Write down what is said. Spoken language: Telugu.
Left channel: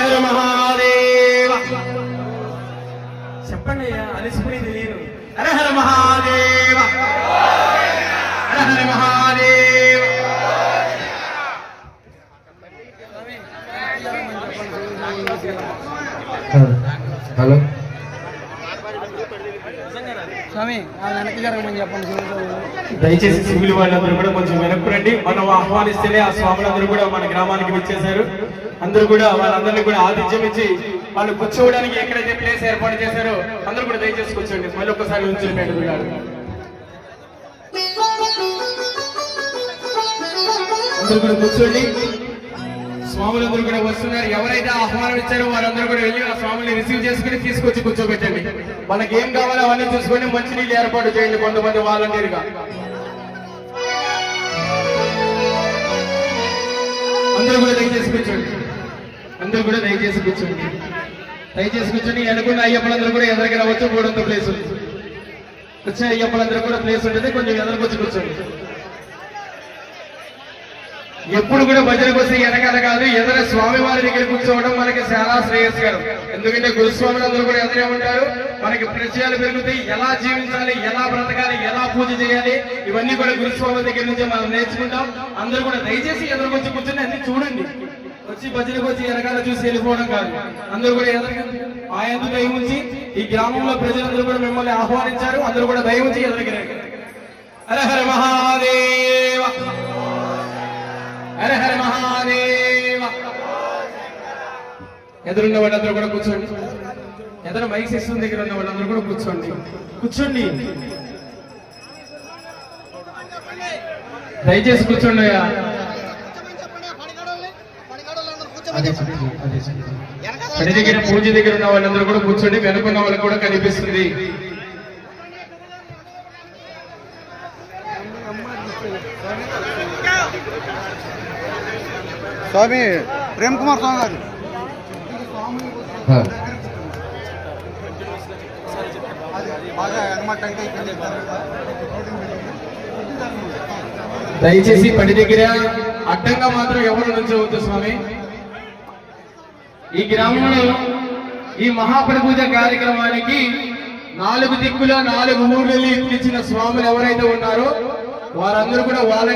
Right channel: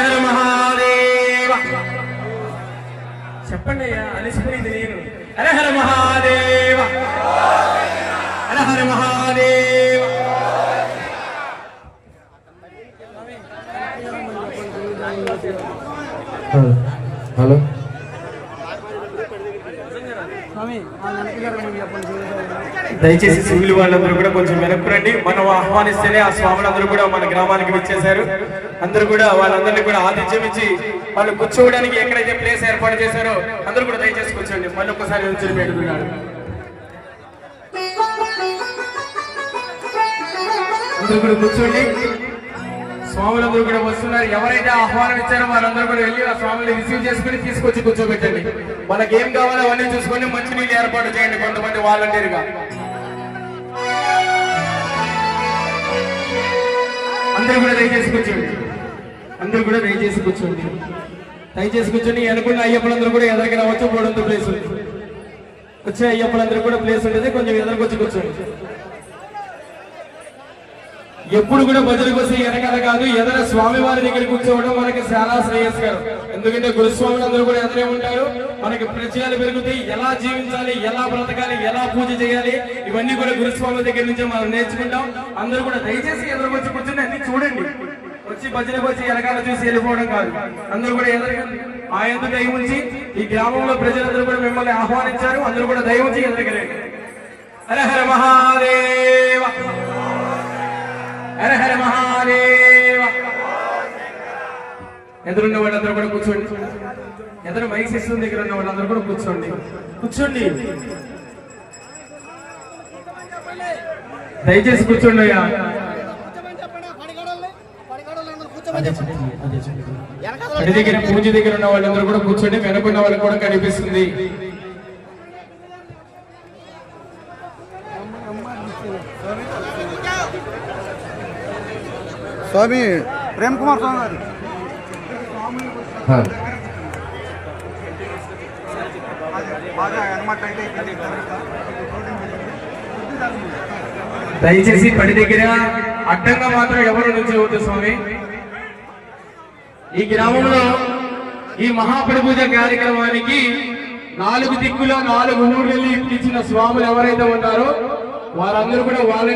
హర మహాదేవ. చెప్పండి అలసిపోయింది నేను హర హర మహాదేవ. హర మహాదేవ. హలో. దయచేసి సివిల్ వాళ్ళందరూ కూడా కొంచెం వెనక్కురండి మనం ఆహ్వానిస్తేనే ఆ స్వాములందరూ కూడా మన గ్రామానికి విచ్చేశారు. అందరూ కూడా వాళ్ళందరినీ కూడా ఆతిథ్యం ఇచ్చి వాళ్ళు కూర్చోవడానికి ఎక్కడైతే ప్లేస్ ఏర్పాటు చేశారో అందరూ కూడా దయచేసి కూర్చోండి. మళ్ళీ ఒకసారి ఉంచుని పెట్టుకున్నారు అందరూ కూడా కూర్చోండి. స్వాములందరూ కూడా వస్తున్నారు. ఎవరైతే ఆహ్వానం ఇచ్చారో వారందరూ కూడా వెళ్ళి ఆ స్వాముల్ని రిసీవ్ చేసుకుని తీసుకొచ్చి కూర్చోబెట్టండి. వాళ్ళకి ఏం కావాలో అవన్నీ చూసుకొని మంచినీళ్ళు ఏర్పాటు చేయండి కొంతమంది వాలంటీర్గా. అందరూ కూడా దయచేసి కూర్చోండి. అందరూ కూడా దయచేసి కూర్చోండి. దయచేసి కూర్చొని అనుకున్న అయ్యప్పలందరూ కూడా ఎదరికి రావచ్చు మూడొంత ప్లేస్ ఉంది. వచ్చే అయ్యప్పలందరూ కూడా ప్లేస్ ఉంటుంది. కొంచెం ఎదరికి కూర్చోండి. ఎప్పుడు కూడా భజన వస్తే వెనకాల కాదు ఎదర స్వామి వారి దగ్గర కూర్చోవడం మనకి చాలా శ్రేయస్కరం. ఎందుకంటే గురుస్వాములు అందరూ కూడా ఎదురే ఉంటారు. మనకి పరిచయాలు పెరుగుతాయి. ఎలా జీవించాలి ఎలా బ్రతకాలి ఎలా పూజ చేయాలి ఇవన్నీ కూడా గురుస్వాముల దగ్గర నుంచి మనం నేర్చుకుంటాం. అందరూ కూడా దయచేసి ఎదురు వచ్చి కూర్చొని అన్ని చూడండి. వచ్చి భజనకు వచ్చి వెనకాల చూసి వెళ్ళిపోవడం కాదు. అందరూ కూడా ఎదురు ఆ ఎందుకు దయ ఉంచి ఈ గ్రామంలో ప్రజలందరూ కూడా మిమ్మల్ని ఆహ్వానించారు. అందరూ కూడా దయ ఉంచి ఎదురుకి హర హర మహా ఎదురున్న వాళ్ళందరూ కూడా కూర్చోండి. ఎదురు మైక్ సిస్టమ్ దగ్గర ఉన్న వాళ్ళందరూ కూడా కూర్చోండి. కూర్చోండి. దయచేసి కూర్చోండి అయ్యా. పడి దగ్గర పూజ దగ్గర ఉన్న వాళ్ళందరూ కూడా కూర్చోండి. వెనుకున్న వాళ్ళకి కూడా కనిపిస్తుంది. స్వామి ప్రేమ్ కుమార్ స్వామి గారు. దయచేసి పడి దగ్గర అడ్డంగా మాత్రం ఎవరు నుంచవద్దు స్వామి. ఈ గ్రామంలో ఈ మహాపడిపూజ కార్యక్రమానికి నాలుగు దిక్కుల నాలుగు ఊర్లలో ఇచ్చిన స్వాములు ఎవరైతే ఉన్నారో వారందరూ కూడా వాళ్ళ